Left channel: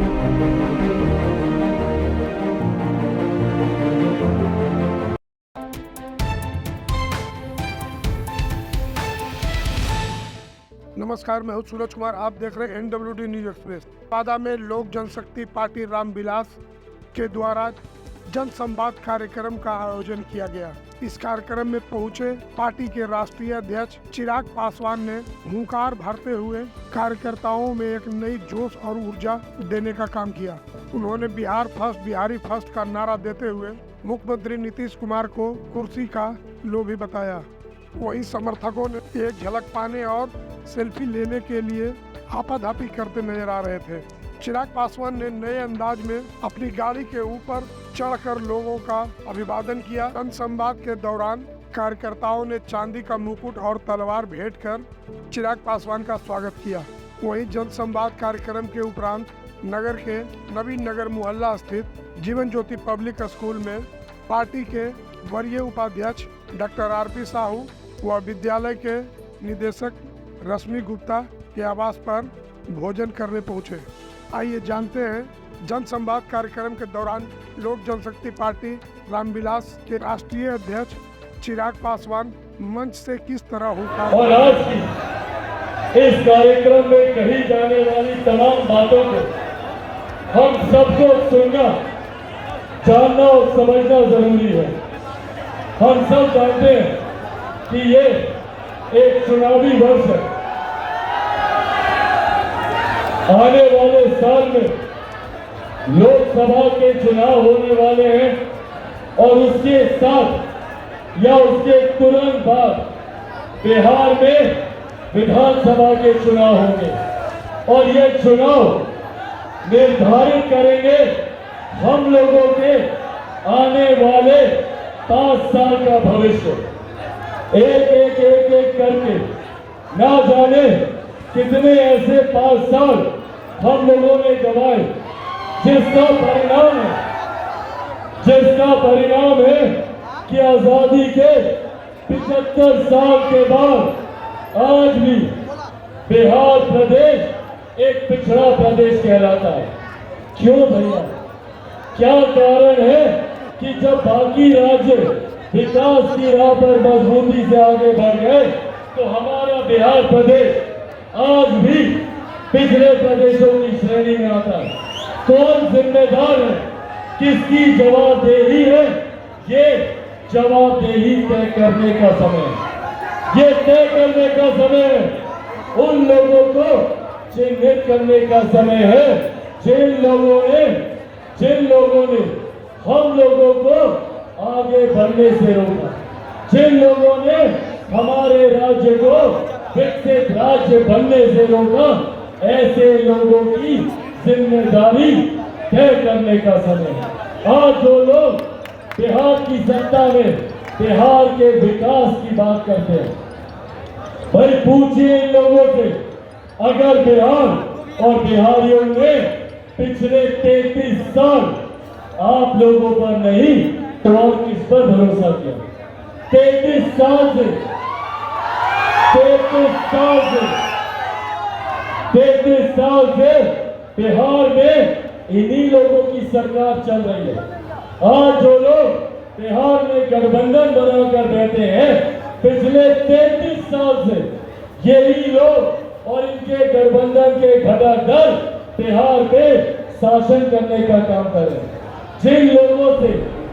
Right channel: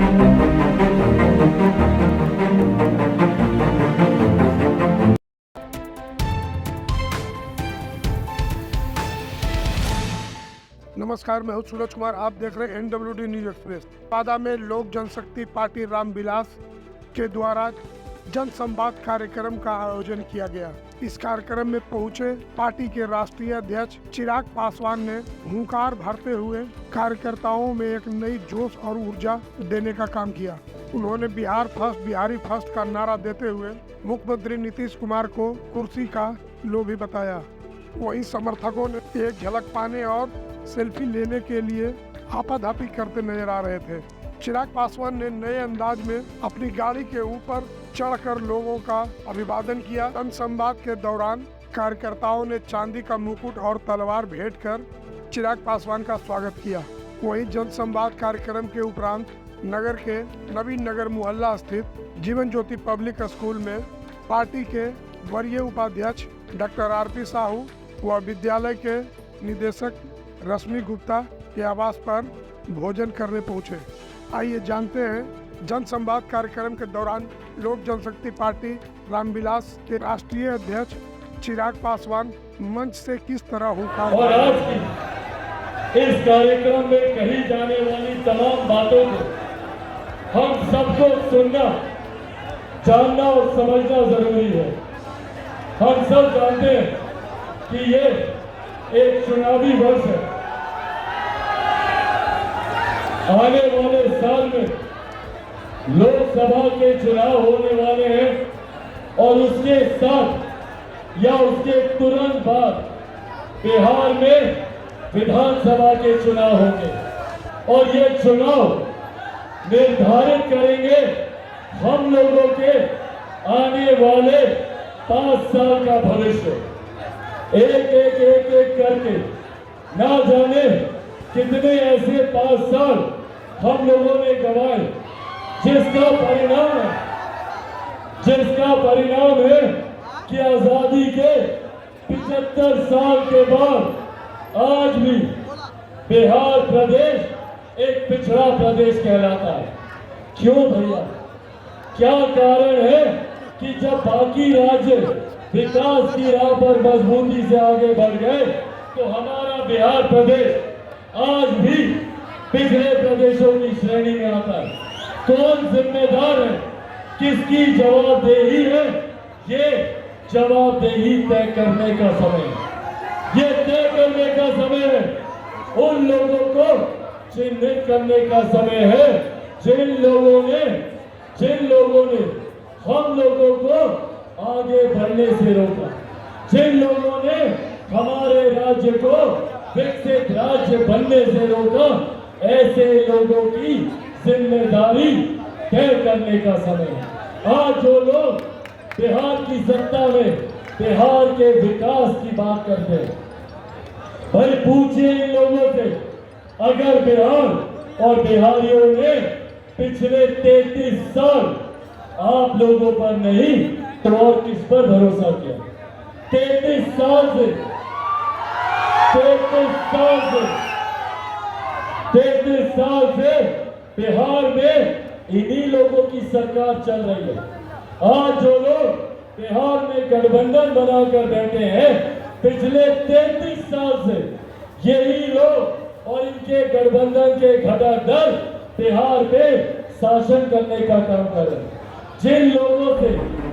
नमस्कार, मैं हूं सूरज कुमार। आप देख रहे हैं NWD न्यूज एक्सप्रेस। बादा में लोक जनशक्ति पार्टी रामविलास के द्वारा जन संवाद कार्यक्रम का आयोजन किया गया। इस कार्यक्रम में पहुंचे पार्टी के राष्ट्रीय अध्यक्ष चिराग पासवान ने हुंकार भरते हुए कार्यकर्ताओं में एक नई जोश और ऊर्जा देने का काम किया। उन्होंने बिहार फर्स्ट, बिहारी फर्स्ट का नारा देते हुए मुख्यमंत्री नीतीश कुमार को कुर्सी का लोभी बताया। वहीं समर्थकों ने एक झलक पाने और सेल्फी लेने के लिए आपाधापी करते नजर आ रहे थे। चिराग पासवान ने नए अंदाज में अपनी गाड़ी के ऊपर चढ़कर लोगों का अभिवादन किया। जनसंवाद के दौरान कार्यकर्ताओं ने चांदी का मुकुट और तलवार भेंट कर चिराग पासवान का स्वागत किया। वहीं जनसंवाद कार्यक्रम के उपरांत नगर के नवीन नगर मोहल्ला स्थित जीवन ज्योति पब्लिक स्कूल में पार्टी के वरीय उपाध्यक्ष डॉक्टर RP साहू व विद्यालय के निदेशक रश्मि गुप्ता के आवास पर भोजन करने पहुंचे। आइए जानते हैं जनसंवाद कार्यक्रम के दौरान लोक जनशक्ति पार्टी रामविलास के राष्ट्रीय अध्यक्ष चिराग पासवान मंच से किस तरह हुंकार। और आज की इस कार्यक्रम में कही जाने वाली तमाम बातों को हम सबको सुनना, जानना और समझना जरूरी है। हम सब जानते हैं कि ये एक चुनावी वर्ष है। आने वाले साल में लोकसभा के चुनाव होने वाले हैं और उसके साथ या उसके तुरंत बाद बिहार में विधानसभा के चुनाव होंगे और ये चुनाव निर्धारित करेंगे हम लोगों के आने वाले 5 साल का भविष्य। एक करके ना जाने कितने ऐसे 5 साल हम लोगों ने गवाए, जिसका परिणाम है कि आजादी के 75 साल के बाद आज भी बिहार प्रदेश एक पिछड़ा प्रदेश कहलाता है। क्यों भैया? क्या कारण है कि जब बाकी राज्य विकास की राह पर मजबूती से आगे बढ़ गए तो हमारा बिहार प्रदेश आज भी पिछड़े प्रदेशों की श्रेणी में आता है। कौन जिम्मेदार है? किसकी जवाबदेही है? ये जवाबदेही तय करने का समय है। ये तय करने का समय है। उन लोगों को चिन्हित करने का समय है जिन लोगों ने हम लोगों को आगे बढ़ने से रोका, जिन लोगों ने हमारे राज्य को विकसित राज्य बनने से रोका। ऐसे लोगों की जिम्मेदारी तय करने का समय है। आज जो लोग बिहार की सत्ता में बिहार के विकास की बात करते हैं, भाई पूछिए इन लोगों से, अगर बिहार और बिहारियों ने पिछले 33 साल आप लोगों पर नहीं तो और किस पर भरोसा किया? 33 साल से बिहार में इन्हीं लोगों की सरकार चल रही है। आज जो लोग बिहार में गठबंधन बनाकर बैठे हैं, पिछले 33 साल से यही लोग और इनके गठबंधन के घटाधर बिहार पे शासन करने का काम कर रहे हैं। जिन लोगों से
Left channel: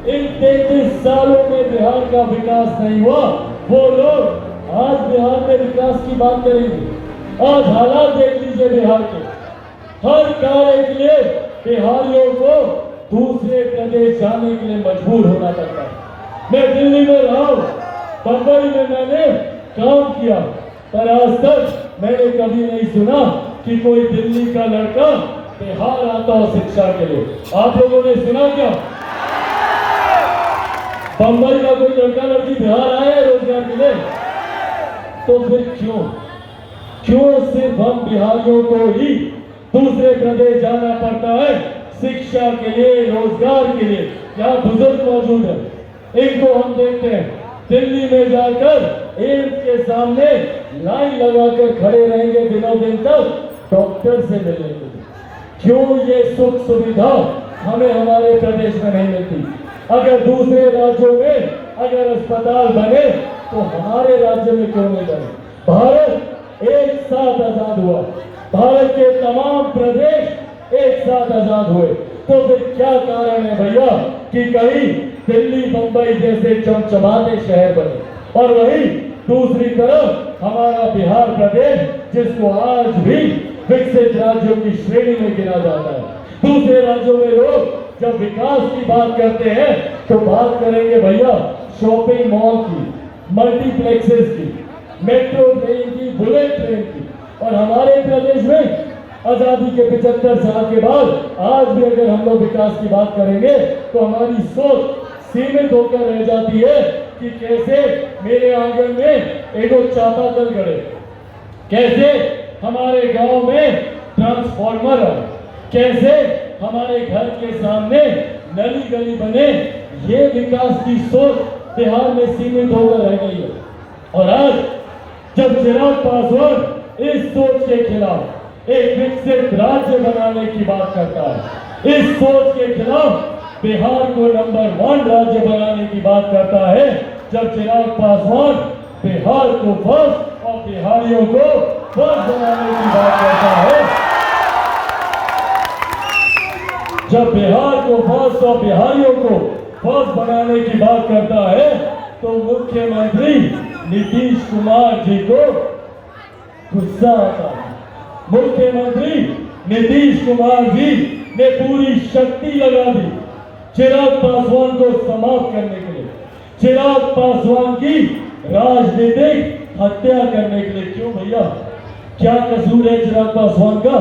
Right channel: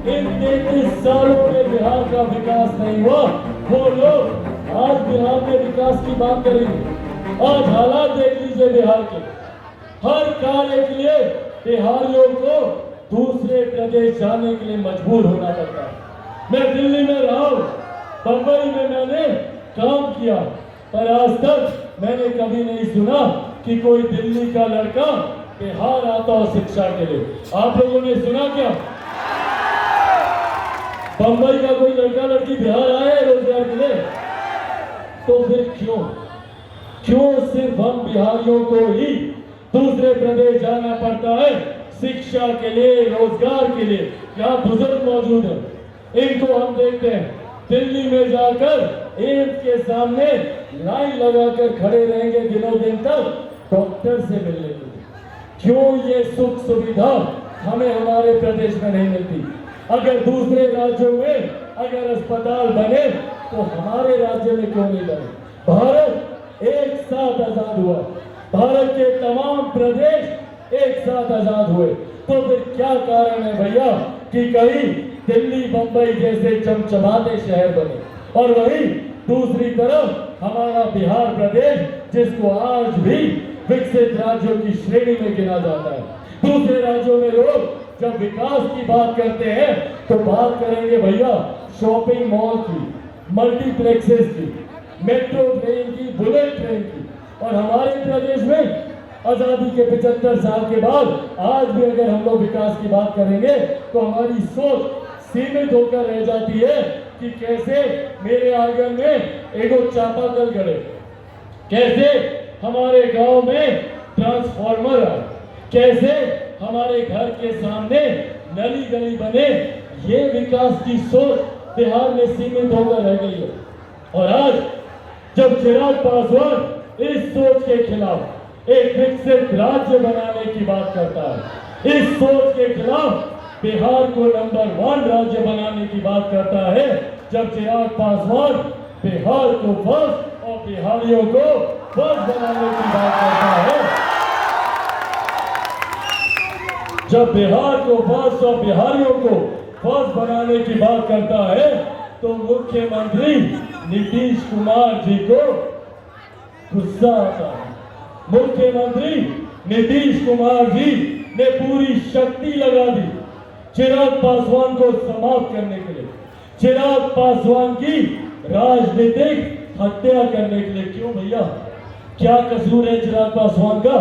इन 33 सालों में बिहार का विकास नहीं हुआ, वो लोग आज बिहार में विकास की बात करेंगे। आज हालात देख लीजिए बिहार के। हर कार्य के लिए बिहारियों को दूसरे प्रदेश जाने के लिए मजबूर होना पड़ता है। मैं दिल्ली में रहा हूं, बंबई में मैंने काम किया, पर आज तक मैंने कभी नहीं सुना कि कोई दिल्ली का लड़का बिहार आता हो शिक्षा के लिए। आप लोगों ने सुना क्या? बंबई का कोई लड़का लड़की बिहार आया है रोजगार के लिए? तो फिर क्यों सिर्फ हम बिहारियों को ही दूसरे प्रदेश जाना पड़ता है शिक्षा के लिए, रोजगार के लिए? यहाँ बुजुर्ग मौजूद है, इनको हम देखते हैं दिल्ली में जाकर एम्स के सामने लाइन लगाकर खड़े रहेंगे दिनों दिन तक डॉक्टर से मिलने के लिए। क्यों ये सुख सुविधा हमें हमारे प्रदेश में नहीं मिलती? अगर दूसरे राज्यों में अगर अस्पताल बने तो हमारे राज्य में क्यों नहीं बने? भारत एक साथ आजाद हुआ, भारत के तमाम प्रदेश एक साथ आजाद हुए, तो फिर क्या कारण है भैया कि कहीं दिल्ली मुंबई जैसे चमचमाते शहर बने और वही दूसरी तरफ हमारा बिहार प्रदेश जिसको आज भी विकसित राज्यों की श्रेणी में गिना जाता है। दूसरे राज्यों में लोग जब विकास की बात करते हैं तो बात करेंगे भैया शॉपिंग मॉल की, मल्टीप्लेक्सेस की, मेट्रो ट्रेन की, बुलेट ट्रेन की, और हमारे प्रदेश में आजादी के 75 साल के बाद आज भी अगर हम लोग विकास की बात करेंगे तो हमारी सोच सीमित होकर रह जाती है कि कैसे मेरे आंगन में एगो चापाकल गड़े, कैसे हमारे गांव में ट्रांसफार्मर आए, कैसे हमारे घर के सामने नली गली बने। ये विकास की सोच बिहार में सीमित होकर रह गई है। और आज जब चिराग पासवान इस सोच के खिलाफ एक विकसित राज्य बनाने की बात करता है, इस सोच के खिलाफ बिहार को नंबर 1 राज्य बनाने की बात करता है, जब चिराग पासवान बिहार को फर्स्ट और बिहारियों को फर्स्ट बनाने की बात करता है, जब बिहार को फर्स्ट और बिहारियों को फर्स्ट बनाने की बात करता है, तो मुख्यमंत्री नीतीश कुमार जी को गुस्सा आता है। मुख्यमंत्री नीतीश कुमार जी ने पूरी शक्ति लगा दी चिराग पासवान को समाप्त करने के लिए, चिराग पासवान की राजनीतिक हत्या करने के लिए। क्यों भैया, क्या कसूर है चिराग पासवान का?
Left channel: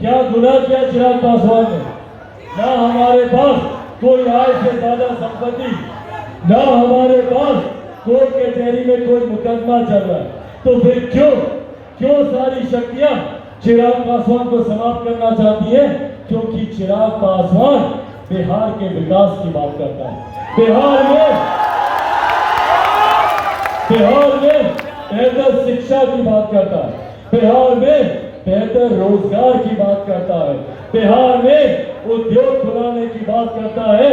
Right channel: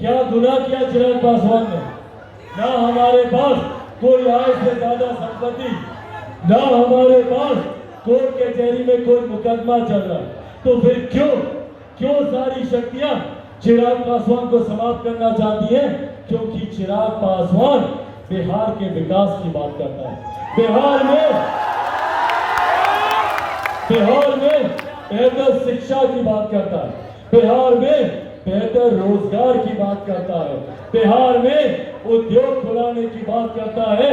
क्या गुनाह किया चिराग पासवान ने? ना हमारे पास कोई आय से ज्यादा संपत्ति, ना हमारे पास कोर्ट कचहरी में कोई मुकदमा चल रहा, तो फिर क्यों सारी शक्तियां चिराग पासवान को समाप्त करना चाहती है? क्योंकि चिराग पासवान बिहार के विकास की बात करता है। बिहार में बेहतर शिक्षा की बात करता है, बिहार में बेहतर रोजगार की बात करता है, बिहार में उद्योग खुलाने की बात करता है,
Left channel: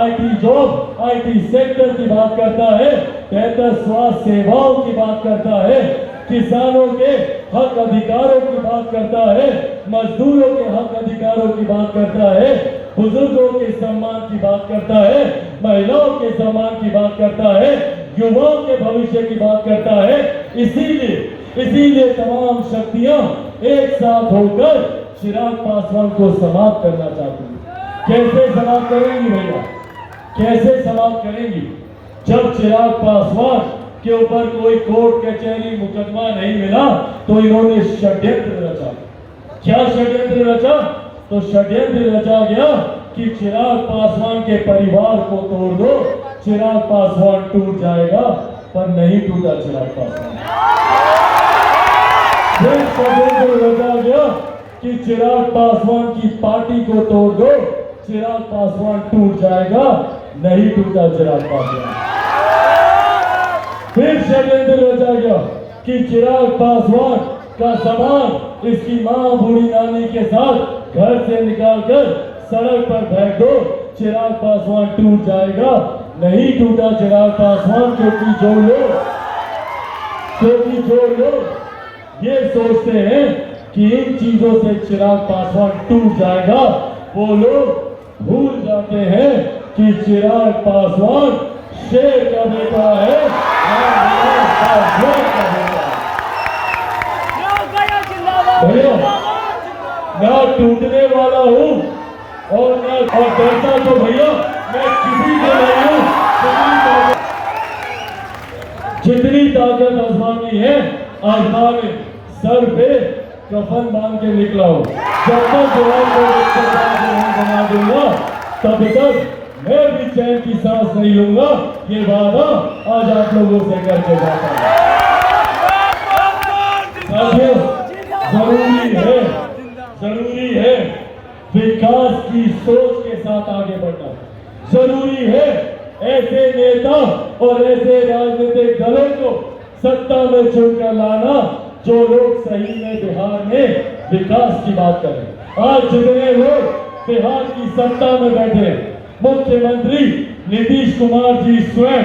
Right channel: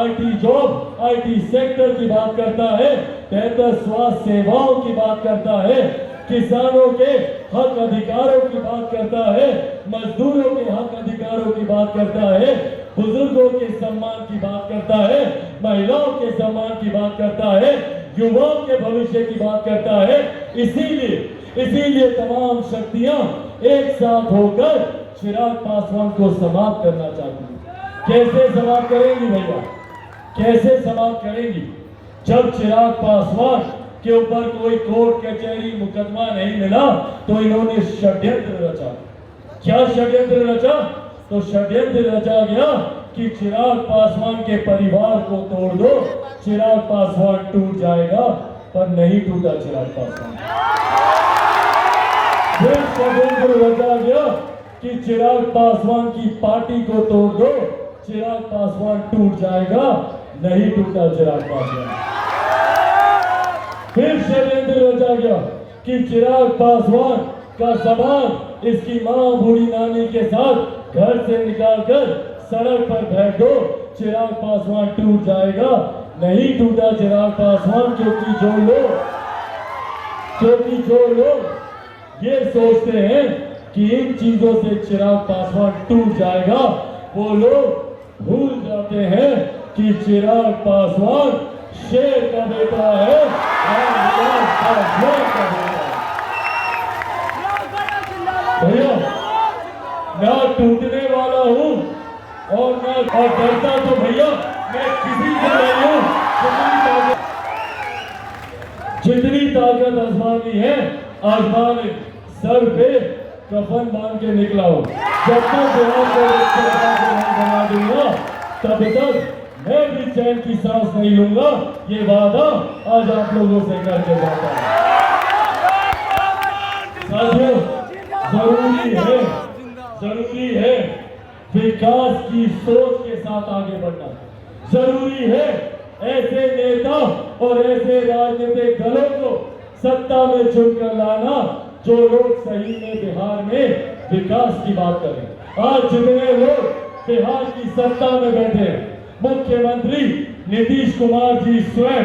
आईटी जॉब, आईटी सेक्टर की बात करता है, बेहतर स्वास्थ्य सेवाओं की बात करता है, किसानों के हक अधिकारों की बात करता है, मजदूरों के हक अधिकारों की बात करता है, बुजुर्गों के सम्मान की बात करता है, महिलाओं के सम्मान की बात करता है, युवाओं के भविष्य की बात करता है। इसीलिए तमाम शक्तियां एक साथ होकर चिराग पासवान को समाप्त करना चाहती है। कैसे समाप्त करेंगी भैया, कैसे समाप्त करेंगी? जब चिराग पासवान के ऊपर कोई कोर्ट कचहरी मुकदमा नहीं मिला तो इन्होंने षड्यंत्र रचा। क्या षड्यंत्र रचा? तो षड्यंत्र रचा गया कि चिराग पासवान के परिवार को तोड़ दो, चिराग पासवान टूट जाएगा, पर नहीं टूटा चिराग पासवान। फिर षड्यंत्र रचा गया कि चिराग पासवान की पार्टी को तोड़ दो, चिराग पासवान टूट जाएगा, नहीं टूटा चिराग पासवान। फिर षड्यंत्र रचा गया कि चिराग पासवान का सामान इसकी मां बूढ़ी नानी के साथ घर से निकालकर सड़क पर फेंक दो, चिराग पासवान टूट जाएगा, नहीं टूटा चिराग पासवान। क्योंकि जो लोग ये सोचते हैं कि इन चीजों से चिराग पासवान टूट जाएगा, वो लोग भूल जाते हैं कि चिराग पासवान शेर का बेटा है भैया। ना टूटने वाला हूँ और डरता तो भैया मैं किसी से नहीं हूँ। जितनी ताकत आसमानी है, आसमान में सर पे कफन बांध के निकला हूँ। जब तक जवान को बना दूंगा तब तक मैं भी चैन की सांस नहीं लूंगा। ये वादा आज आप लोगों से करके जाता हूं। जरूरी है विकास की सोच के साथ आगे बढ़ना। जरूरी है ऐसे नेता और ऐसे राजनीतिक दलों को सत्ता में चुनकर लाना जो लोग सही में बिहार में विकास की बात करें। आज जितने लोग बिहार की सत्ता में बैठे, मुख्यमंत्री नीतीश कुमार जी स्वयं,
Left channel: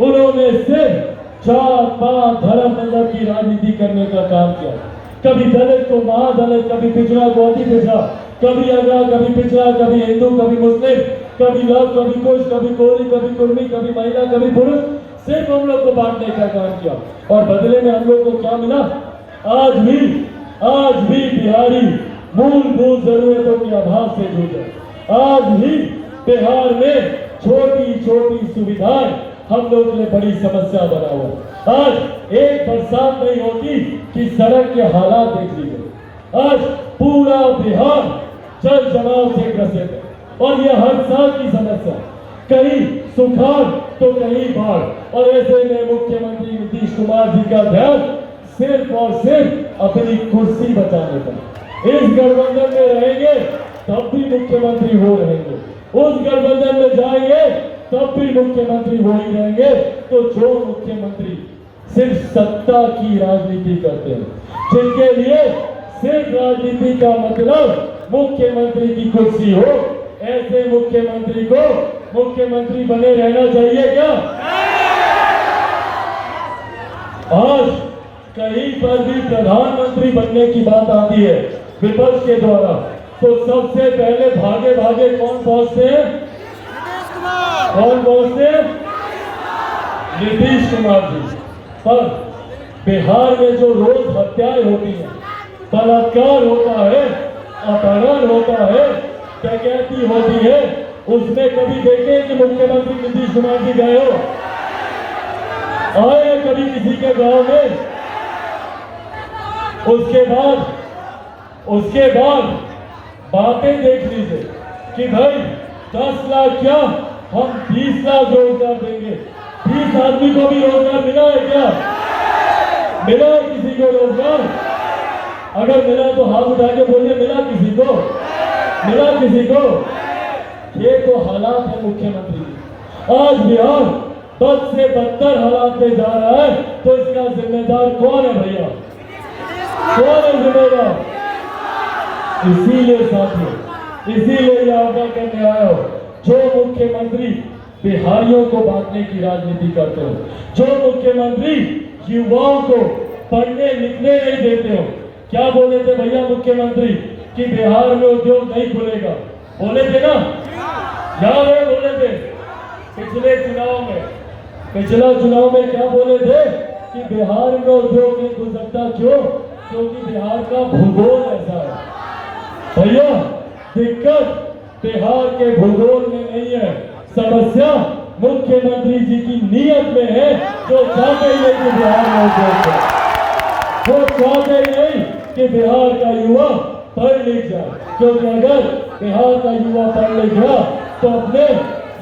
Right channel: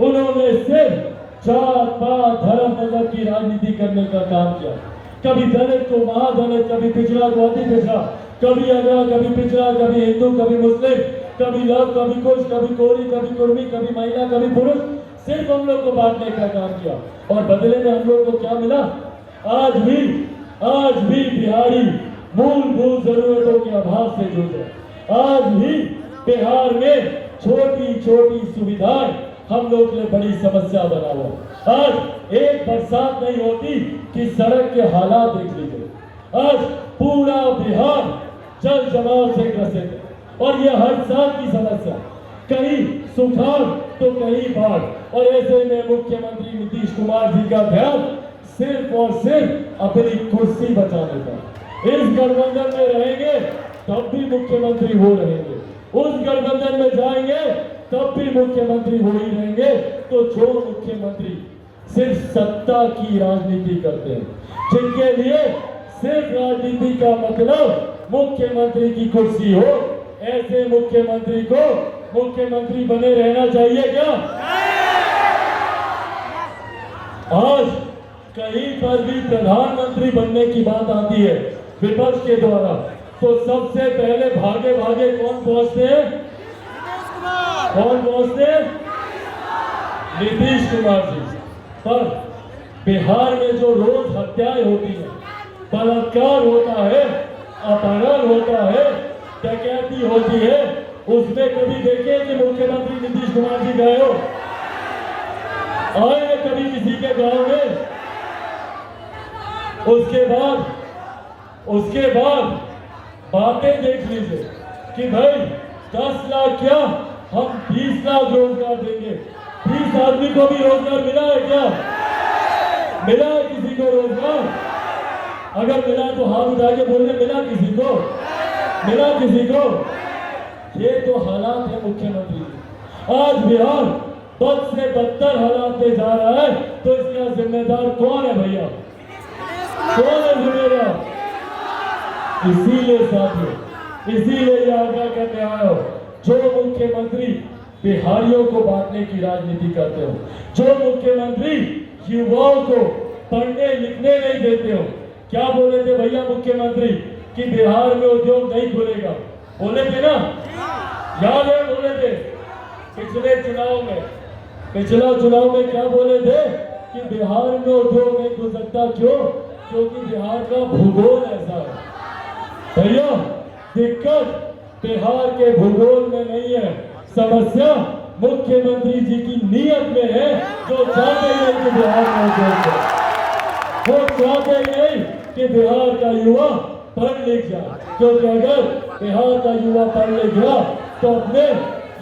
उन्होंने सिर्फ जात पात धर्म मजहब की राजनीति करने का काम किया। कभी दलित को महादलित, कभी पिछड़ा को अति पिछड़ा, कभी अगड़ा, कभी पिछड़ा, कभी हिंदू, कभी मुस्लिम, कभी लव, कभी कुश, कभी कोरी, कभी कुर्मी, कभी महिला, कभी पुरुष, सिर्फ हम लोग को बांटने का काम किया। और बदले में हम लोग को क्या मिला? आज भी बिहारी मूलभूत जरूरतों के अभाव से जूझे। आज भी बिहार में छोटी छोटी सुविधाएं हम लोग के लिए बड़ी समस्या बना हुआ। आज एक बरसात नहीं होती कि सड़क के हालात देख लीजिए। आज पूरा बिहार जल जमाव से ग्रसित है और ये हर साल की समस्या, कहीं सुखाड़ तो कहीं बाढ़। और ऐसे में मुख्यमंत्री नीतीश कुमार जी का ध्यान सिर्फ और सिर्फ अपनी कुर्सी बचाने का। इस गठबंधन में रहेंगे तब भी मुख्यमंत्री हो रहेंगे, उस गठबंधन में जाएंगे तब भी मुख्यमंत्री हो ही रहेंगे। तो जो मुख्यमंत्री सिर्फ सत्ता की राजनीति करते हैं, जिनके लिए सिर्फ राजनीति का मतलब मुख्यमंत्री की कुर्सी हो, ऐसे मुख्यमंत्री को मुख्यमंत्री बने रहना चाहिए क्या? आज कहीं पर भी प्रधानमंत्री बनने की बात आती है विपक्ष के द्वारा, तो सबसे पहले भागे भागे कौन पहुंचते हैं? कौन पहुंचते हैं? नीतीश कुमार जी। पर बिहार में जो रोज हत्याएं होती हैं, बलात्कार होता है, अपहरण होता है, डकैती होती है, उसमें कभी देखे कि मुख्यमंत्री नीतीश कुमार जी गए हो? आए कभी किसी के गांव में? उसके बाद बातें देख लीजिए कि भाई 10 लाख क्या, हम 20 लाख रोजगार देंगे। 20 आदमी को भी रोजगार मिला है क्या? मिला है किसी को रोजगार? अगर मिला तो हाथ उठा के बोलिए, मिला किसी को? मिला किसी को? ये तो हालात है मुख्यमंत्री की। आज बिहार बद से बदतर हालात में जा रहा है, तो इसका जिम्मेदार कौन है भैया? कौन है जिम्मेदार? इसीलिए साथियों, इसीलिए आगाह करने आया हो, जो मुख्यमंत्री बिहारियों को बांटने की राजनीति करते हो, जो मुख्यमंत्री युवाओं को पढ़ने लिखने नहीं देते हो। क्या बोले थे भैया मुख्यमंत्री कि बिहार में उद्योग नहीं खुलेगा? बोले थे ना, याद है? बोले थे पिछले चुनाव में क्या बोले थे कि बिहार में उद्योग नहीं खुल सकता। क्यों? क्योंकि बिहार का भूगोल ऐसा है। भैया दिक्कत बिहार के भूगोल में नहीं है, समस्या मुख्यमंत्री जी की नीयत में है, जो चाहते ही नहीं कि बिहार में उद्योग हो। वो चाहते ही नहीं कि बिहार का युवा पढ़ लिख जाए, क्योंकि अगर बिहार का युवा पढ़ लिख गया तो अपने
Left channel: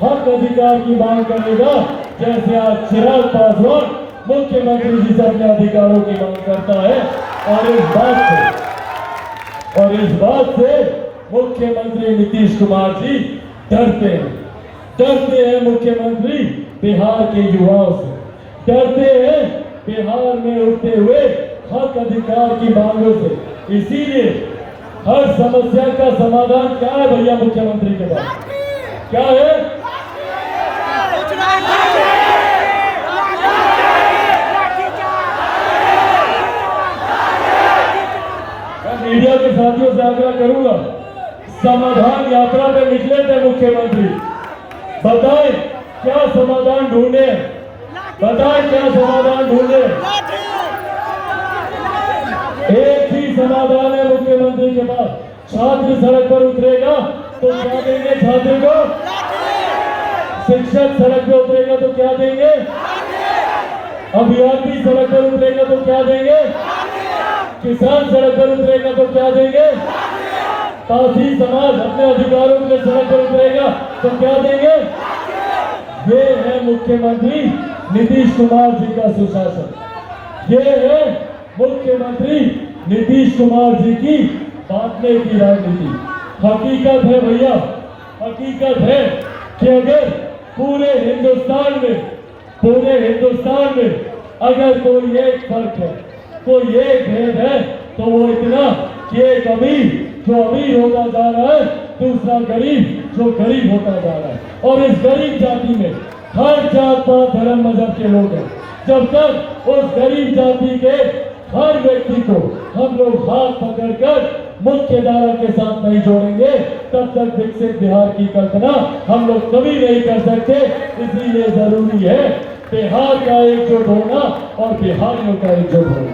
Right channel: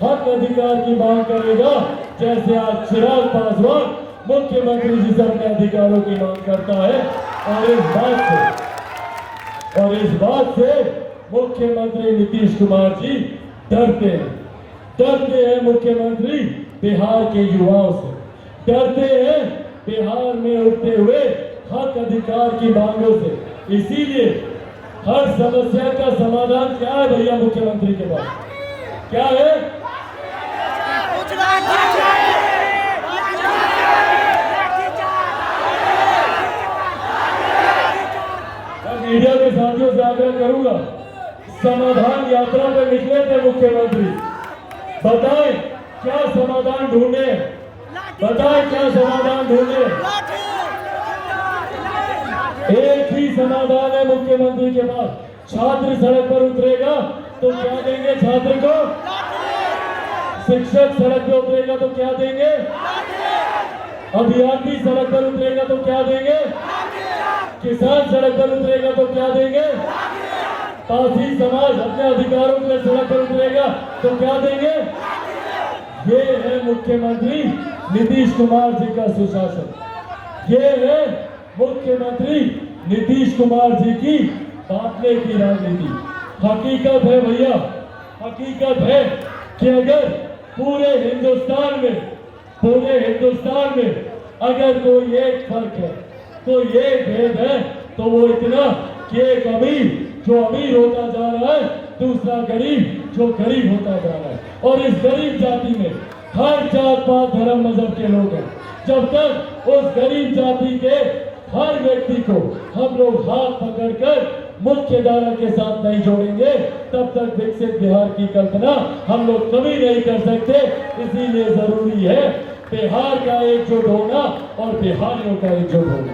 हक अधिकार की मांग करेगा, जैसे आज चिराग पासवान मुख्यमंत्री जी से अपने अधिकारों की मांग करता है। और इस बात से मुख्यमंत्री नीतीश कुमार जी डरते हैं मुख्यमंत्री बिहार के युवाओं से, डरते हैं बिहार में उठते हुए हक अधिकार की मांगों से। इसीलिए हर समस्या का समाधान क्या है भैया मुख्यमंत्री के पास? क्या है? मैं मीडिया के साथियों से आग्रह करूंगा, समाधान यात्रा पे निकले थे मुख्यमंत्री, बताएं क्या समाधान ढूंढे, बताएं क्या समाधान ढूंढे। एक ही समाधान है मुख्यमंत्री के पास, छात्र सड़क पर उतरेगा तो क्या देंगे छात्र को? शिक्षक सड़क पर उतरेगा तो क्या देंगे? अभियंता सड़क पर उतरेगा तो क्या देंगे? किसान सड़क पर उतरेगा तो क्या देंगे? पासी समाज अपने अधिकारों के सड़क पर उतरेगा तो क्या देंगे? ये है मुख्यमंत्री नीतीश कुमार जी का सुशासन। ये है मुख्यमंत्री नीतीश कुमार जी की बांटने की राजनीति। हकीकत है भैया, हकीकत है कि अगर पूरे हिंदुस्तान में अगर कोई एक फर्क है, कोई एक भेद है, तो वो इतना कि एक अमीर जो अमीर होता जा रहा है, दूसरा गरीब जो गरीब होता जा रहा है। और इस गरीब जाति में हर जात पात धर्म मजहब के लोग हैं। जब तक उस गरीब जाति के हर व्यक्ति को हम लोग हाथ पकड़कर मुख्य धारा के साथ नहीं जोड़ेंगे, तब तक विकसित बिहार की कल्पना हम लोग कभी नहीं कर सकते। इसीलिए जरूरी है बिहार का एकजुट होना और बिहारियों का एकजुट होना।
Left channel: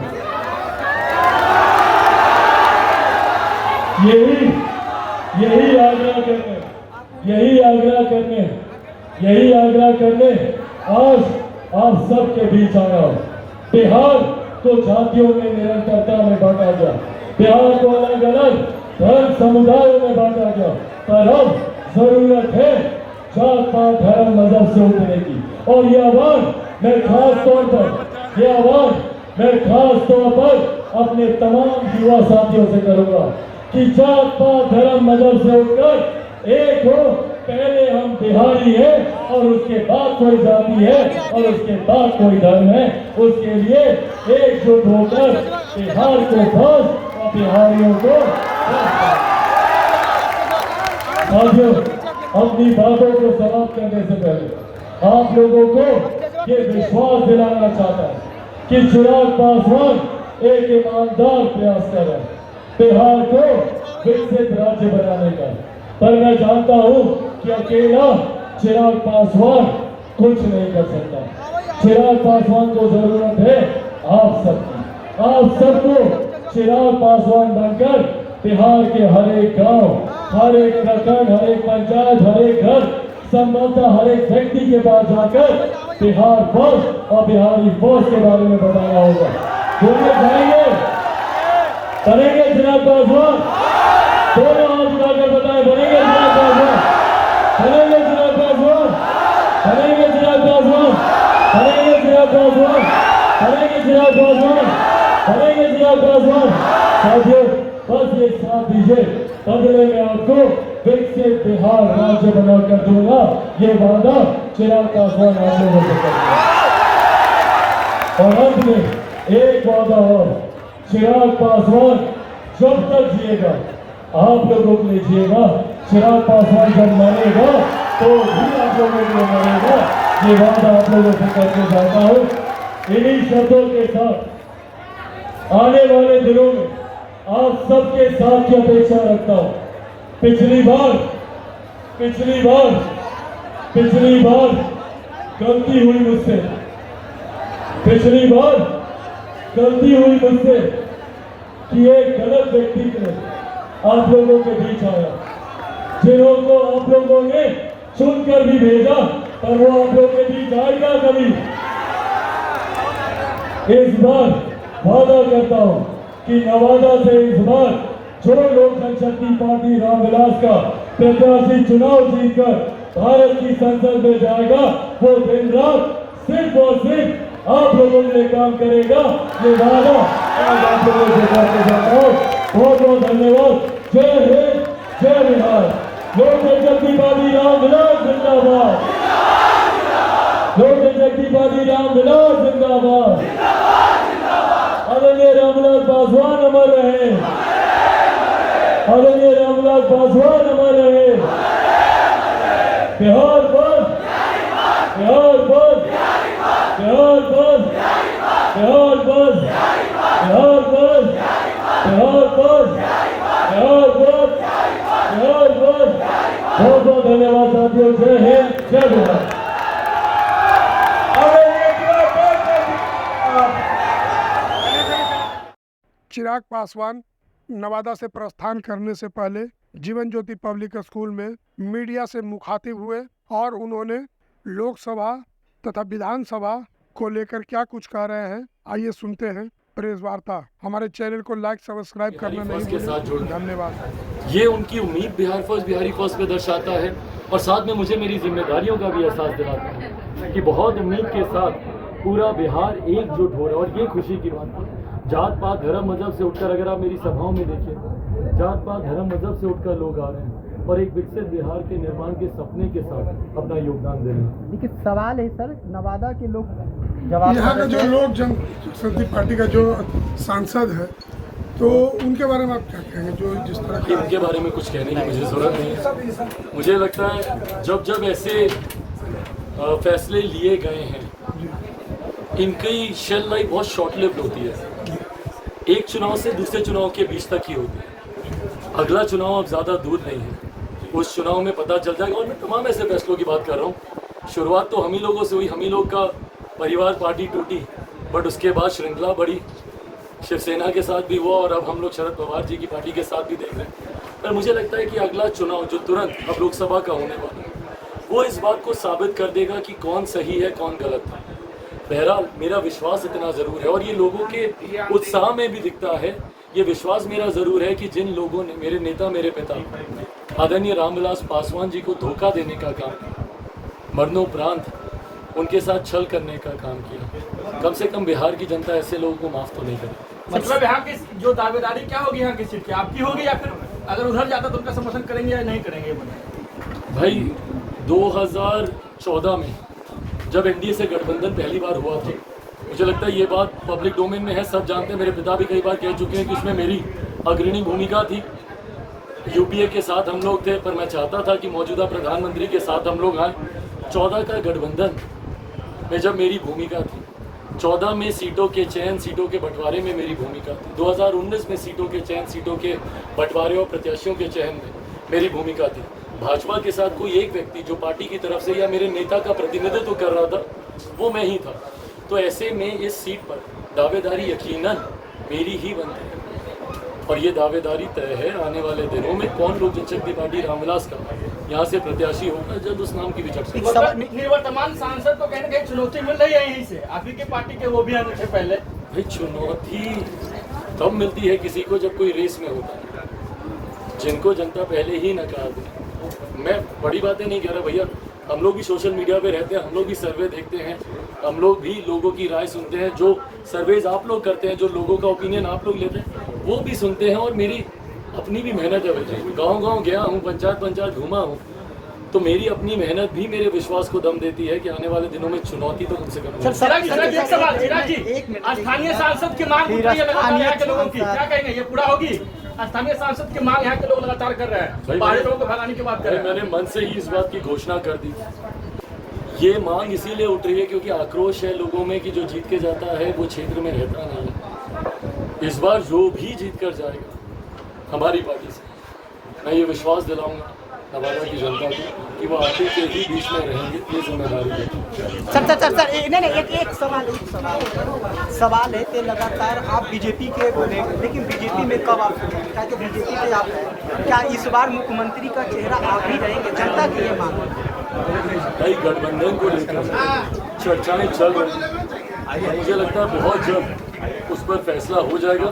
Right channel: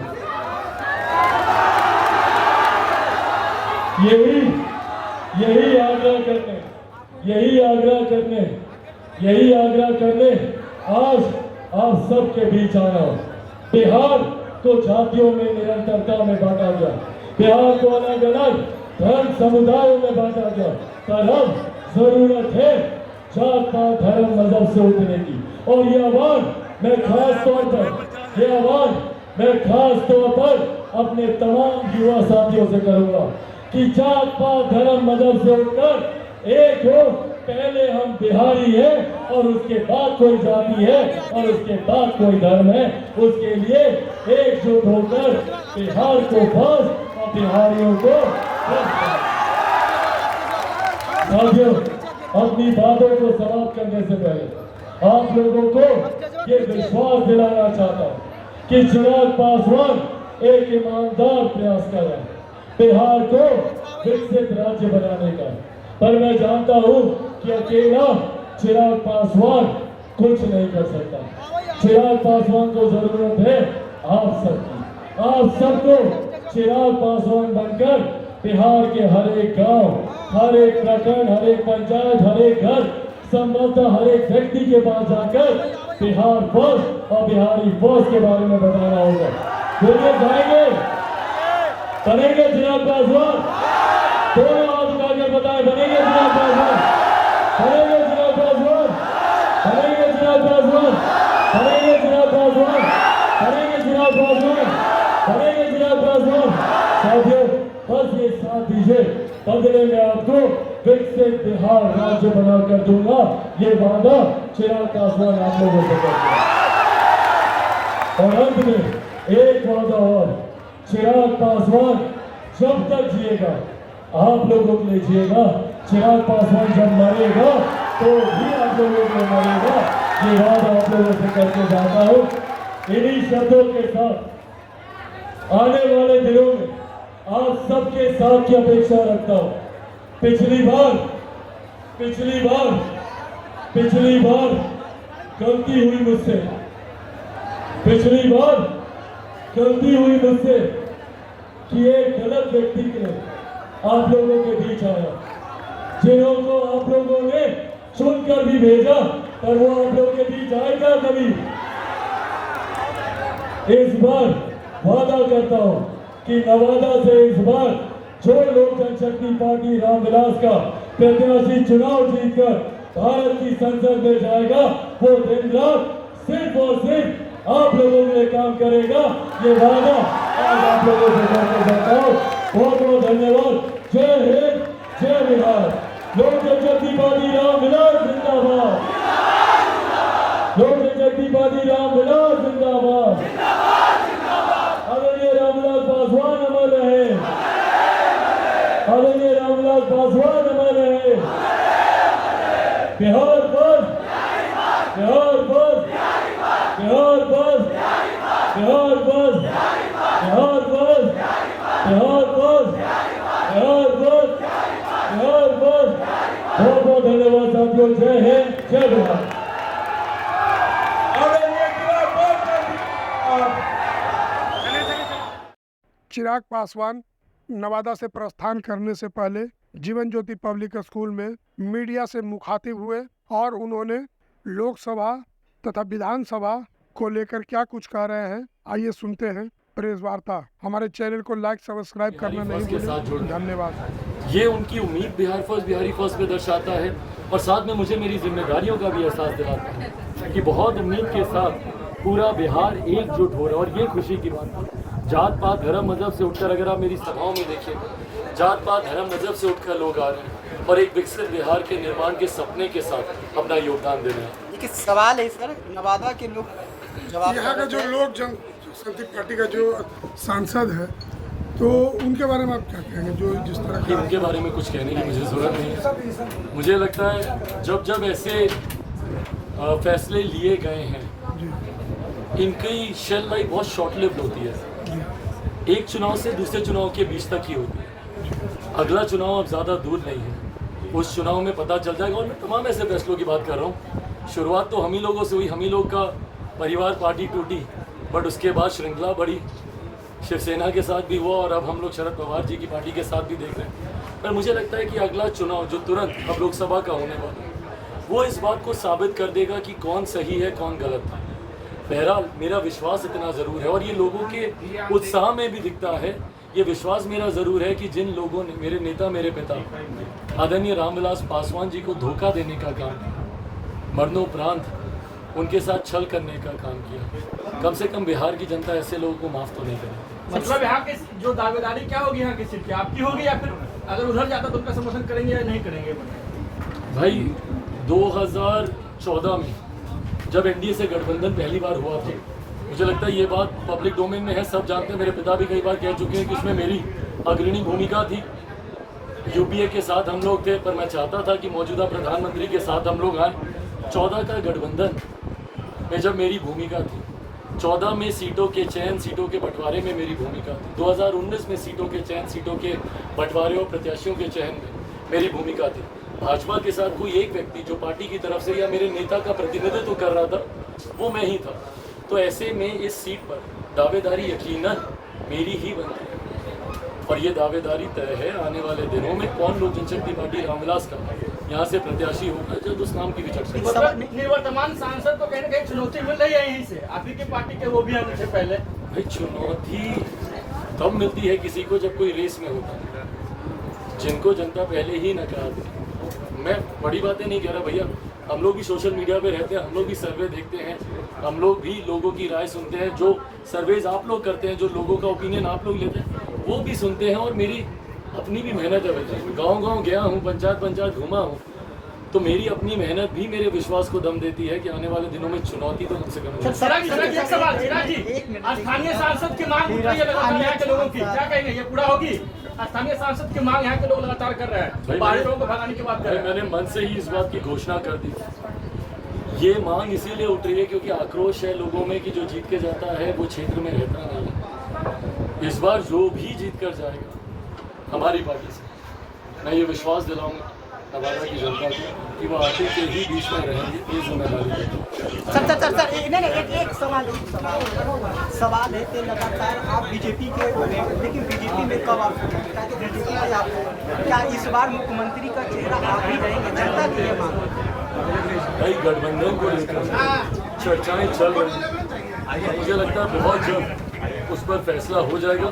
यही आग्रह करने आज आप सबके बीच आ रहा हूं। बिहार को जातियों में निरंतरता में बांटा गया, बिहार को अलग अलग धर्म समुदायों में बांटा गया, पर अब जरूरत है जात पात धर्म मजहब से उठने की। और ये आह्वान मैं खास तौर पर अपने तमाम युवा साथियों से करूंगा कि जात पात धर्म मजहब से उठकर एक हो। पहले हम बिहारी है और उसके बाद कोई जाति है और उसके बाद कोई धर्म है। उसके लिए एकजुट होकर बिहार को बस और बिहारियों को साथियों, अपनी बातों को समाप्त करने से पहले आप लोगों को ये विश्वास दिलाना चाहता है कि चिराग पासवान एक ईमानदार प्रयास कर रहा है बिहार को विकसित राज्य बनाने का। पर मैं जानता हूं कि अकेला चिराग पासवान कुछ नहीं कर सकता। चिराग पासवान को जरूरत है आप सबकी। आप सबको चिराग पासवान बनकर बिहार के हर एक गांव, हर एक प्रखंड, हर एक पंचायत, हर एक घर, संभवतः हर एक व्यक्ति के पास जाकर बिहार फर्स्ट और बिहारी फर्स्ट के बारे में बताना होगा। बोलिए जाएंगे, बनेंगे चिराग पासवान? दोनों हाथ उठाकर बताएं, बनेंगे चिराग पासवान? बनेंगे चिराग पासवान? बनेंगे चिराग पासवान? बनेंगे चिराग पासवान? बनेंगे चिराग पासवान? बनेंगे चिराग पासवान? साथियों, बस ये साथ दीजिए, बदले में आपको विकसित बिहार राज्य बनाकर दूंगा। ये वादा चिराग पासवान आप लोगों से करते हैं। और अंत में एक वादा और, चिराग पासवान जब तक जिएगा आप लोगों के लिए जिएगा। चिराग पासवान जब मरेगा तो भी आप लोगों के लिए मरेगा। ये वादा आप लोगों से करके जाता हूँ। इन्हीं शर्तों के साथ आने वाले दिनों में आप सबके साथ की अपेक्षा रखता हूँ। पिछली बार गलती हुई मुझसे, कि एक गलत व्यक्ति ने आप लोगों के बीच आया, जिनको आप लोगों ने चुनकर भी भेजा, पर वो आप लोगों के बीच आएगा कभी? इस बार वादा करता हूं कि नवादा से इस बार जो लोक जनशक्ति पार्टी रामविलास का प्रत्याशी चुनाव जीतकर भारत की संसद में जाएगा, वो दिन रात सिर्फ और सिर्फ आप लोगों के लिए काम करेगा। ये वादा आज आप लोगों से करके जाता हूं। बहुत बहुत धन्यवाद। जय हिंद, जय बिहार। लोक जनशक्ति पार्टी रामविलास जिंदाबाद। लोक जनशक्ति पार्टी रामविलास जिंदाबाद। आदरणीय रामविलास पासवान अमर रहे। आदरणीय रामविलास पासवान अमर रहे। बिहार बस, बिहार बस, बिहार बस, बिहार बस, बिहार बस, बिहार बस, बिहार बस, बिहार बस। बहुत बहुत धन्यवाद साथियों। जय हिंद, जय बिहार। चिराग पासवान नवादा से प्रस्थान करने से पहले जीवन ज्योति पब्लिक स्कूल में मीडिया से मुखातिब हुए और उन्होंने लोकसभा तथा विधानसभा को लेकर क्या कुछ कह रहे हैं, आइए सुनते हैं प्रेस वार्ता। हमारे चैनल को लाइक सब्सक्राइब करना नहीं भूलें। धन्यवाद। ये उनकी उम्मीद बिहार फर्स्ट, बिहारी फर्स्ट पे दर्शाता है और साथ में मुझे मेरी जिम्मेदारियों का भी एहसास दिलाता है कि बहुत उम्मीद के साथ पूरा बिहार एकजुट हो रहा है। और ये खुशी की बात है, जात पात धर्म मजहब से उठकर, अगर आप मेरी सभाओं में देखिए, जात पात धर्म मजहब से उठकर लोग आ रहे हैं और एक विकसित बिहार के निर्माण के सपने के साथ अपना योगदान दे रहे हैं। देखिए सवाल है सर, नवादा के लोग जवाब यहाँ का जो लोक जनशक्ति पार्टी का जो सांसद है, तो उनके बारे में आप क्या कहेंगे, जो जिस तरह कि उनके बारे में कुछ कहने की मुझे ज़रूरत नहीं है। मुझे लगता है जब जब ऐसे फैसले लिए गए हैं, इनकी शेल लाइफ बहुत शॉर्ट लिव्ड होती है। एक चुनाव से दूसरे चुनाव के बीच तक ही होती है। अगला चुनाव अब ज़्यादा दूर नहीं है, उस चुनाव में पता चल जाएगा। और मैं तमाम ऐसे फैसलों की बात कर रहा हूँ। शुरुआत तो हम ही लोगों से हुई, हम ही लोग का परिवार पार्टी टूटी, बट उसके बाद श्रृंखला बढ़ी, शिवसेना के साथ भी हुआ और अब हम लोग शरद पवार जी की पार्टी के साथ भी देख रहे हैं। पर मुझे लगता है कि अगला चुनाव जो तुरंत अब लोकसभा का होने वाला है, वो इस बात को साबित कर देगा कि कौन सही है कौन गलत था। बहरहाल मेरा विश्वास इतना ज़रूर है, और ये लोगों के उत्साह में भी दिखता है। ये विश्वास मेरा ज़रूर है कि जिन लोगों ने, मेरे नेता मेरे पिता आदरणीय रामविलास पासवान जी को धोखा देने का काम किया, मरणोपरांत उनके साथ छल करने का काम किया, कम से कम बिहार की जनता ऐसे लोगों को माफ़ तो नहीं करेगी। मतलब यहाँ की जो दावेदारी क्या होगी, यहाँ की सीट की आपकी होगी, या फिर अगर उधर जाता तो उनका समर्थन करेंगे या नहीं करेंगे? भाई 2014 में जब एनडीए से गठबंधन पहली बार हुआ था, मुझे लगता है ये बात पब्लिक डोमेन में है, सब जानते हैं। मेरे पिता भी कई बार कह चुके हैं कि उसमें मेरी अग्रणी भूमिका थी। यूपीए के साथ हम लोग थे, पर मैं चाहता था कि मौजूदा प्रधानमंत्री के साथ हम लोग आए। 14 का गठबंधन में जब मेरी भूमिका थी, 14 में सीटों के चयन, सीटों के बंटवारे में मेरी भूमिका थी। 2019 में सीटों के चयन, सीटों के बंटवारे और प्रत्याशियों के चयन में मेरी भूमिका थी। भाजपा के साथ कोई एक व्यक्ति जो पार्टी की तरफ से या मेरे नेता का प्रतिनिधित्व कर रहा था, वो मैं ही था। तो ऐसे में इस सीट पर दावेदारी यकीनन मेरी ही बनती है, और ये दावेदारी तय है आने वाले दिनों में कौन लोक जनशक्ति पार्टी रामविलास का यहाँ से प्रत्याशी होगा, जब उस नाम की भी चर्चा होगी। मतलब निवर्तमान सांसद को कहीं ना कहीं चुनौती मिल रही है यहीं से, आप ही की पार्टी के वो भी आने से पहले। भाई चुनौती तब मिलती है किसी को जब कोई रेस में होता है, जिनको जनता पहले ही नकार दे। मैं बड़ी बातें नहीं कह रहा भैया, हम लोग भी सोशल मीडिया पे रहते हैं, हम लोग भी सर्वे देखते हैं, हम लोग भी लोगों की राय सुनते हैं। जो सर्वेज आप लोग करते हैं, जो लोगों का ओपिनियन आप लोग लेते हैं, वो भी सुनते हैं। और मेरी अपनी भी मेहनत है भैया, गांव-गांव गया हूँ, पंचायत घूमा हूँ, तो मेरी अपनी मेहनत भी मेरे विश्वास को दम देती है कि आने वाले दिनों में चुनौती तो कम से कम एक सवाल स्थानीय सांसद की मांग उठ रही है लगातार यहाँ के लोगों की, क्या कहेंगे, ये पूरा होगी? स्थानीय सांसद की मांग यहाँ के लोग लगातार कर रहे हैं, बाहरी लोगों को भगाने की बात कर रहे हैं। मैंने मन से ही इस बात की घोषणा कर दी। ये मांग इसीलिए उठ रही है क्योंकि आक्रोश है लोगों में कि जो जीत के जाता है वो क्षेत्र में रहता नहीं है। इस बार जो भी जीत कर जाएगा हमारी पार्टी से, मैं ये विश्वास दिलाऊंगा नवादा की जनता को कि वो आते के ही बीच में रहेंगे। ये जिम्मेदारी है। सर एक सवाल है कि लगातार आप बीजेपी के बोले, लेकिन बीजेपी में कब आप बीजेपी में आप क्या इस बार मुख्यमंत्री का चेहरा आप ही रहेंगे? जनता की ये मांग। भाई गठबंधन को लेकर चर्चाएं चल रही हैं, मुझे लगता है बहुत जल्द उस पर फैसला हो जाएगा।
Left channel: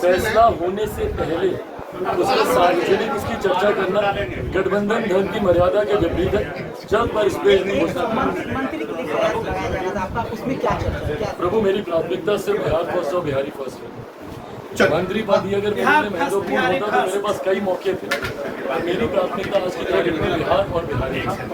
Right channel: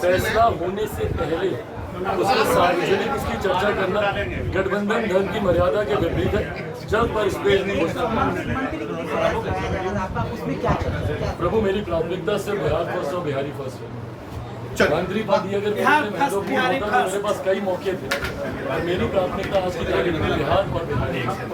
फैसला होने से पहले उसके सार्वजनिक उसकी चर्चा करना गठबंधन धर्म की मर्यादा के विपरीत है। जल्द पर इस पर नहीं हो सकता। प्रभु मेरी प्राथमिकता सिर्फ बिहार फर्स्ट और बिहारी फर्स्ट है। मंत्री पद ही अगर मेरे लिए महत्वपूर्ण होता तो मेरे पास कई मौके थे। मेरी प्राथमिकता आज की तारीख में बिहार और बिहारी फर्स्ट है।